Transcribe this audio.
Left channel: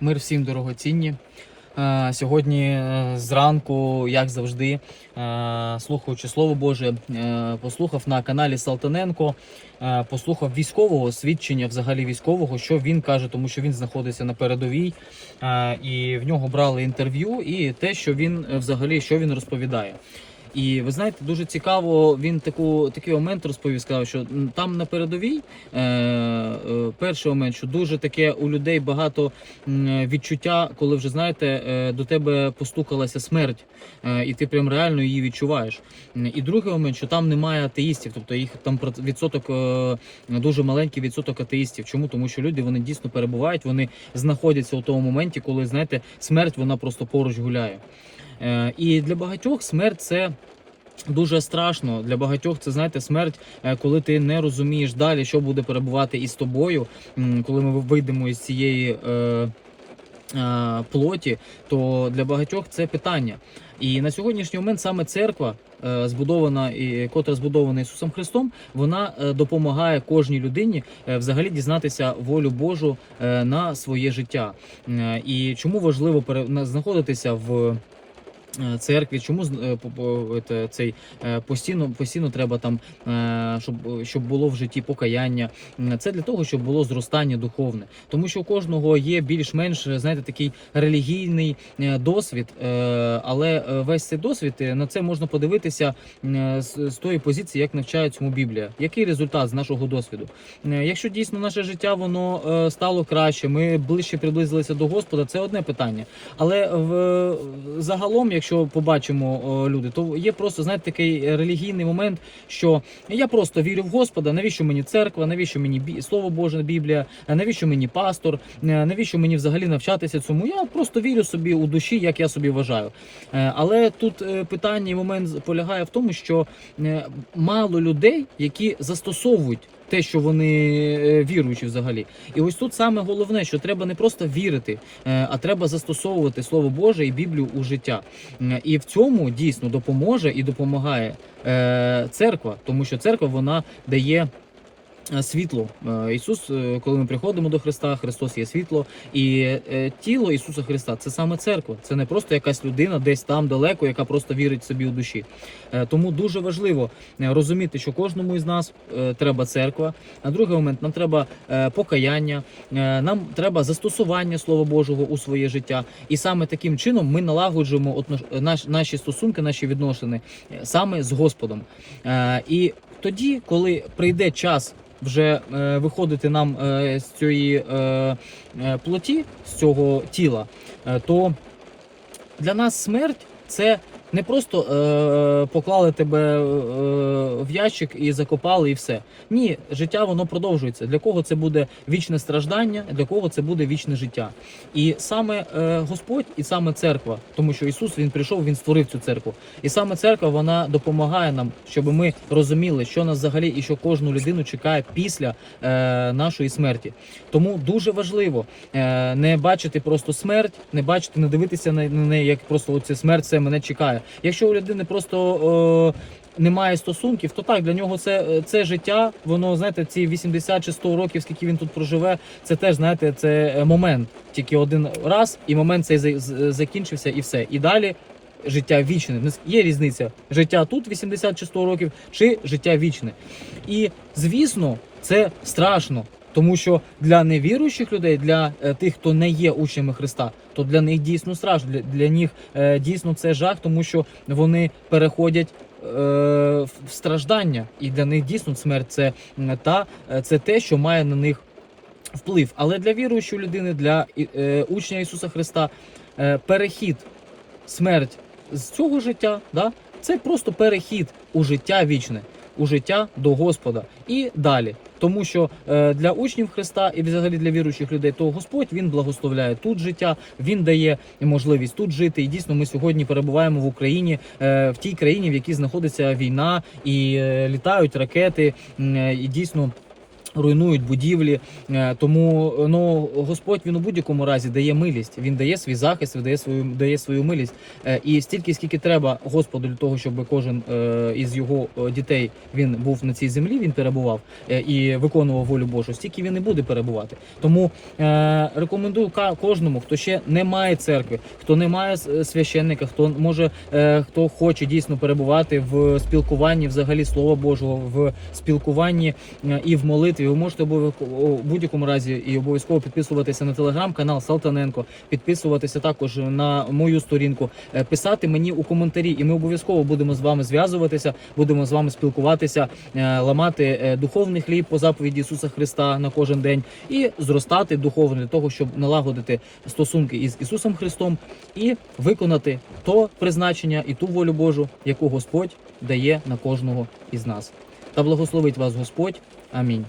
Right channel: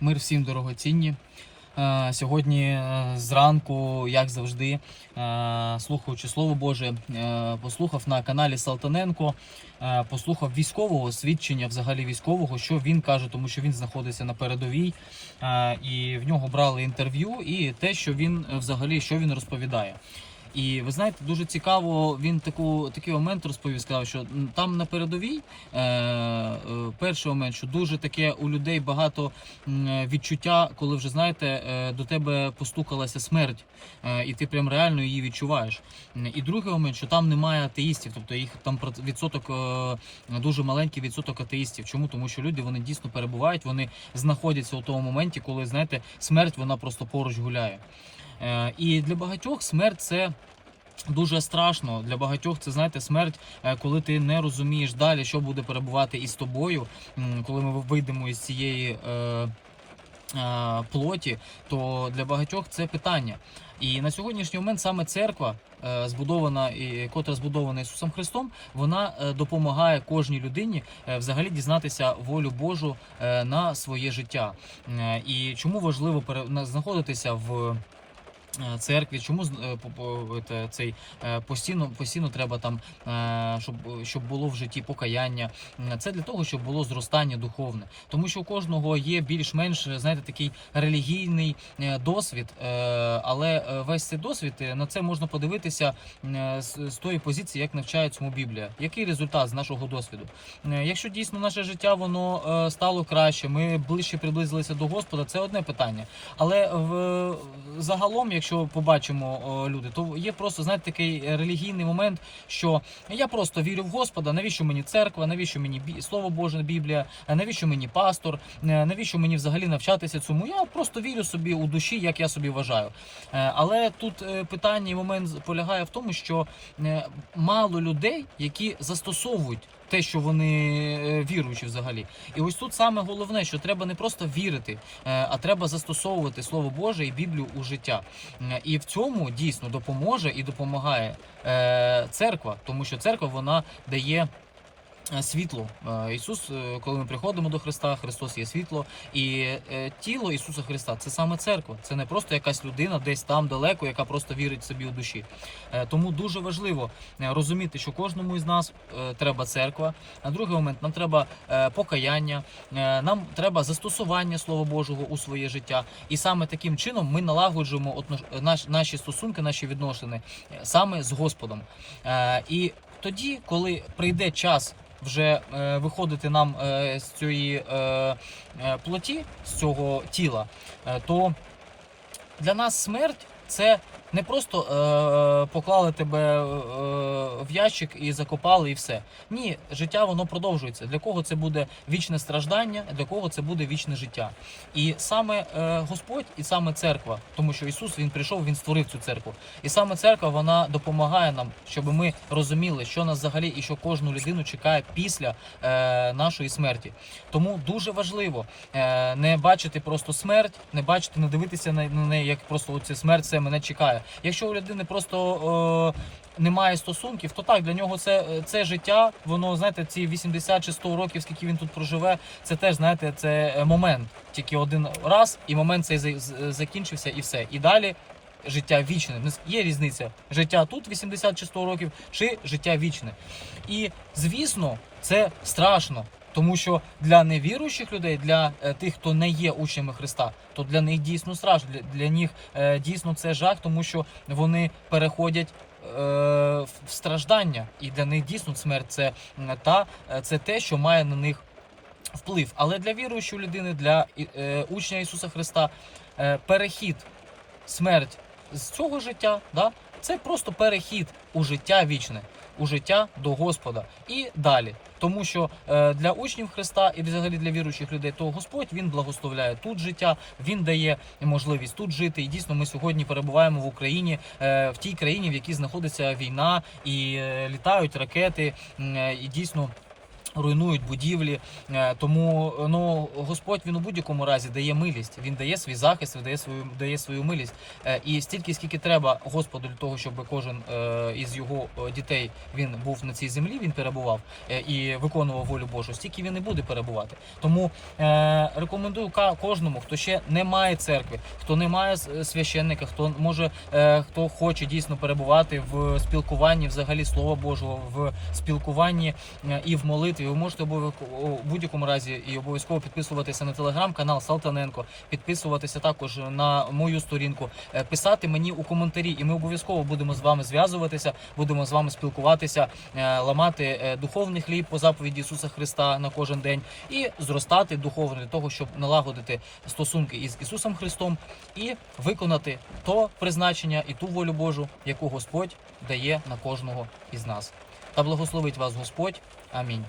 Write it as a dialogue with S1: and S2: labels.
S1: Мир всім дорогоцінні. Е, Сьогодні е, зранку, як завжди, е, слухаючи Слово Боже, послухав на каналі Салтаненко, послухав військового свідчення, взагалі військового, що він каже, тому що він знаходиться на передовій, і в нього брали інтерв'ю, і те, що він взагалі що він розповідає. І ви знаєте, дуже цікаво, він таку такий момент розповів, сказав, що там на передовій е, е, перший момент, що дуже таке у людей багато відчуття, коли вже знаєте, е, до тебе постукалася смерть, е, і ти прям реально її відчуваєш. І другий момент, що там немає атеїстів, тобто їх там відсоток е, дуже маленький відсоток атеїстів. Чому? Тому що люди вони дійсно перебувають, вони знаходяться у тому моменті, коли знаєте, смерть вона просто поруч гуляє. Е, І для багатьох смерть це. Дуже страшно для багатьох. Це знаєте, смерть, е, коли ти не розумієш далі, що буде перебувати із тобою, коли ми вийдемо із цієї е, е, плоті, то для багатьох це питання. І на сьогоднішній момент саме церква, е, збудована і котра збудована Ісусом Христом, вона е, допомагає кожній людині е, взагалі дізнатися волю Божу е, на своє життя. Е, І чому важливо пере- знаходитися в. Е, Церкві, чому е, це- цей е, постійно постійно треба там, е, щоб, щоб було в житті покаяння. Це для того, щоб було зростання духовне, тому що у кожного є більш-менш е, знаєте такий релігійний е, досвід, е, але е, весь цей досвід е, на це можна подивитися е, з, тої позиції, як навчає цьому Біблія. Який результат з нашого досвіду? Е, Якщо дійсно наше життя воно е, стало краще, ми ближче приблизилися до Господа, це одне питання. Але в загалом, якщо побачимо о, люди, то є просто знаєте такий релігійний момент, що я просто вірю в Господа. Навіщо мені церква? Навіщо мені бі... слово Боже, Біблія? Навіщо мені пастор? Е, Навіщо мені взагалі навчатися цьому? Я просто вірю собі у душі, як я собі вважаю. Е, Але тут е, питання і момент полягає в тому, що е, мало людей, які застосовують. Те, що вони е, віруючі взагалі, і ось тут саме головне, що треба не просто вірити, е, а треба застосовувати слово Боже і Біблію у життя. І в цьому дійсно допоможе і допомагає е, церква, тому що церква вона дає. Е, Світло Е, Ісус, е, коли ми приходимо до Христа, Христос є світло, і тіло Ісуса Христа це саме церква. Це не просто якась людина десь там далеко, яка просто вірить собі у душі. Тому дуже важливо розуміти, що кожному із нас треба церква. На другий момент нам треба покаяння, нам треба застосування Слова Божого у своє життя. І саме таким чином ми налагоджуємо наші стосунки, наші відносини саме з Господом. І тоді, коли прийде час. Вже е, виходити нам е, з цієї е, е, плоті, з цього тіла, е, то для нас смерть це не просто е, поклали тебе е, в ящик і закопали, і все. Ні, життя воно продовжується. Для кого це буде вічне страждання, для кого це буде вічне життя. І саме е, Господь, і саме церква, тому що Ісус Він прийшов, Він створив цю церкву. І саме церква вона допомагає нам, щоб ми розуміли, що нас взагалі і що кожну людину чекає після е, нашої смерті. Тому дуже важливо е, не бачити просто смерть, не бачити, не дивитися на, неї, як просто оце смерть це мене чекає. Якщо у людини просто е, немає стосунків, то так для нього це, це життя. Воно знаєте, ці 80 чи 100 років, скільки він тут проживе, це теж знаєте, це е, момент. Тільки один раз, і момент цей закінчився, і все. І далі. Життя вічне. Ну, Є різниця життя тут 80 чи 100 років, чи життя вічне. І звісно, це страшно, тому що для невіруючих людей, для е, тих, хто не є учнями Христа, то для них дійсно страшно. Для, для них е, дійсно це жах, тому що вони переходять. е, В страждання, і для них дійсно смерть це та це те, що має на них вплив. Але для віруючої людини, для учня Ісуса Христа, перехід, смерть з цього життя, да, це просто перехід у життя вічне, у життя до Господа і далі. Тому що е, для учнів Христа і взагалі для віруючих людей, то Господь він благословляє тут життя, він дає можливість тут жити. І дійсно, ми сьогодні перебуваємо в Україні, е, в тій країні, в якій знаходиться війна, і е, літають ракети, і дійсно. Руйнують будівлі, Е, тому ну Господь він у будь-якому разі дає милість. Він дає свій захист, він дає свою дає свою милість. Е, І стільки, скільки треба Господу для того, щоб кожен е, із його дітей він був на цій землі, він перебував і виконував волю Божу, стільки він і буде перебувати. Тому рекомендую кожному, хто ще не має церкви, хто не має священника, хто може, хто хоче дійсно перебувати в спілкуванні, взагалі слова Божого, в спілкуванні і в молитві. Ви можете у будь-якому разі і обов'язково підписуватися на телеграм-канал Салтаненко, підписуватися також на мою сторінку, е, писати мені у коментарі, і ми обов'язково будемо з вами зв'язуватися, будемо з вами спілкуватися, е, ламати е, духовний хліб по заповіді Ісуса Христа на кожен день і зростати духовно для того, щоб налагодити стосунки із Ісусом Христом і виконати то призначення і ту волю Божу, яку Господь дає на кожного із нас. Та благословить вас Господь. Амінь.